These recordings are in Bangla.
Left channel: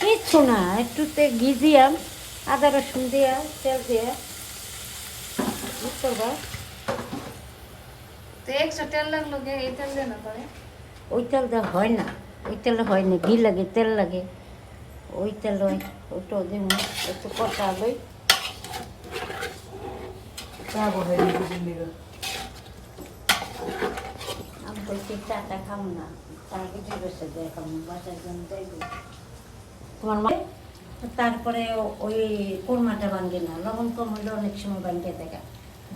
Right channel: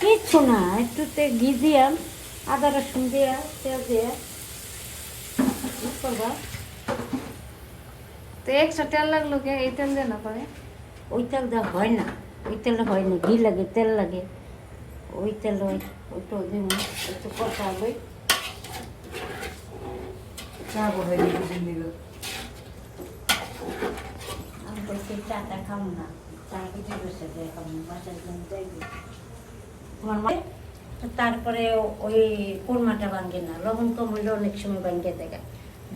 কিচ্ছু না, একটু ঘি দিয়াম, আদা রসুন দিয়া, তেল দিয়া করবা। ওই তেল দেওয়া হয় না, ওই তেল হয় না, ঘি লাগে, তেল লাগে, ওই তেল ওইটাও দিন একটু কষা হবে। আমি তো সেই চাটা খাবো না, চা কিছু বসে দেয় খাবো, বাসার জন্য দেবে। তারপরে ওই কোরমাটা ভাঙে না, লবণ কম হইলে অনেক সময় ভাঙে দেখা,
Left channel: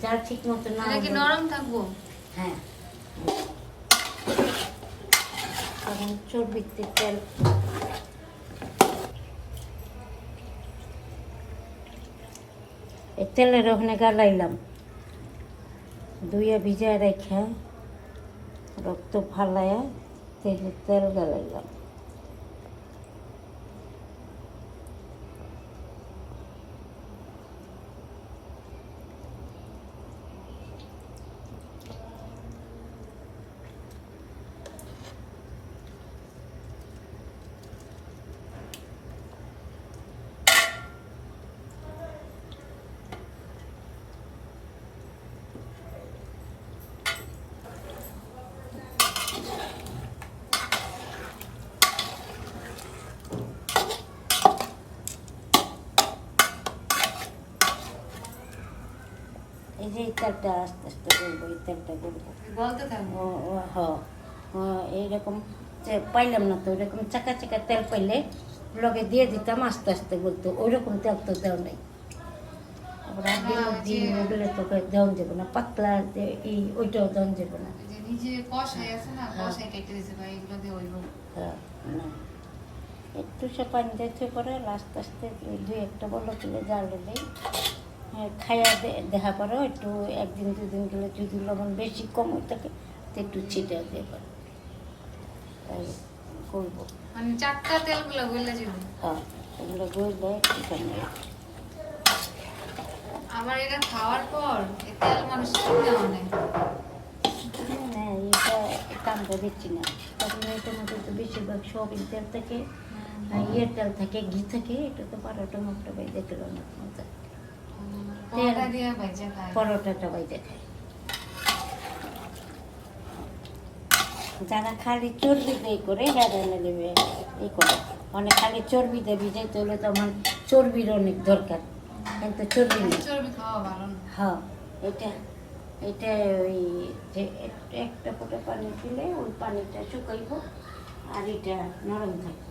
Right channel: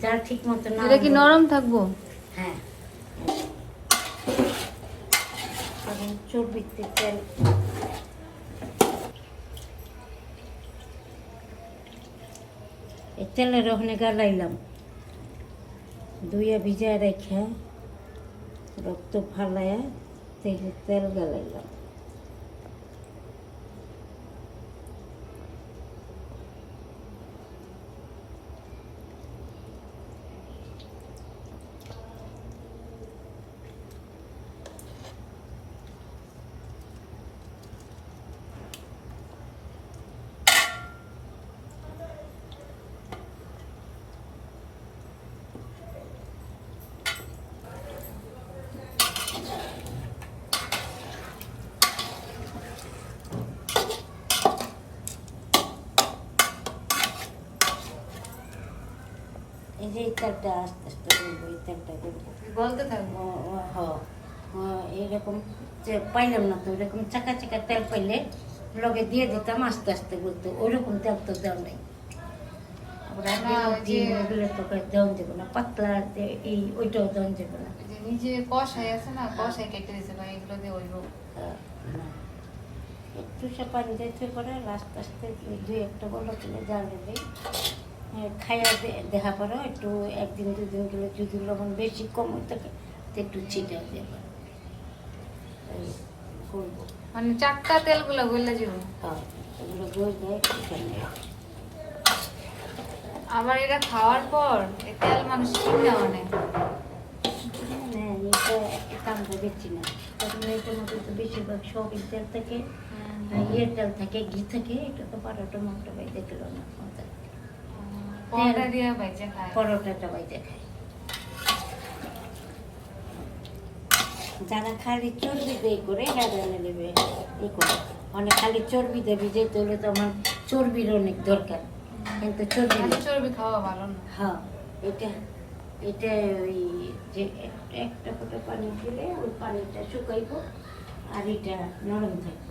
যা ঠিক মতো না। এটা কি নরম থাকবো? হ্যাঁ, কারণ চর্বিতে তেল। এই তেলের ওখানে গালাইলাম, ধুইয়া ভিজায় রেখা রক্ত ফালাইয়া তেল গালাইলাম। এই যে এই তেলটা আস্তে আস্তে বলবো, এই তেলটা বলতে থাকবো। এইরকম যে পাইলাম না তো, ওইরকম চাকা চাকা তেল পাইলে লগে দিয়ে দিতাম, আস্তে আস্তে বলতো। ওইরকম তেল তো দেওয়া নেই, দেওয়া যাবে না, পাতলা এই ওইটাও দেওয়া যাবে না। নিজে কষাই আছে না, কষাই কেটে দিছে ভাই, এগুলো দিয়ে ওইব। একটু সে পানি যাইতে করে আস্তে আস্তে দুই একটা বলো তুলে জালে দিই। খাইয়া দেখা করো, একটু একদিন দুদিন গেলে যদি লবণ বেশি কম থাকে তো একটু ছিটে দেবে, তাই করবো। মানে চারটা তেলগুলো বললে জীবন। হ্যাঁ, এগুলো বলবে। আবার এটা খাওয়ার পর এই তেল মানুষ কিনে আনে। হ্যাঁ, এটা আমরা দেখছি না, কারণ এটার মধ্যে তো বেশিরভাগ সয়াবিন তেল থাকে, ইয়ের তেল থাকে, ঘি থাকে। এটা তো পরোটা মতো দেখলো না, পরোটা দিয়ে ভাজা খায়, পরোটাটা বাইতে খায়। যারা খালি চর্বি দিয়ে করে নেবে ই করে, মানে খালি চর্বি দিয়ে ভিজাইতে হলে তো আমার চর্বির অনেক দরকার, কিন্তু চর্বি খাওয়া ভালো না। হ্যাঁ, এটা ওই যে একটা ফোঁটা পানি দিলে ওই পানিটা শুকাইব আর এটা নরম থাকবে।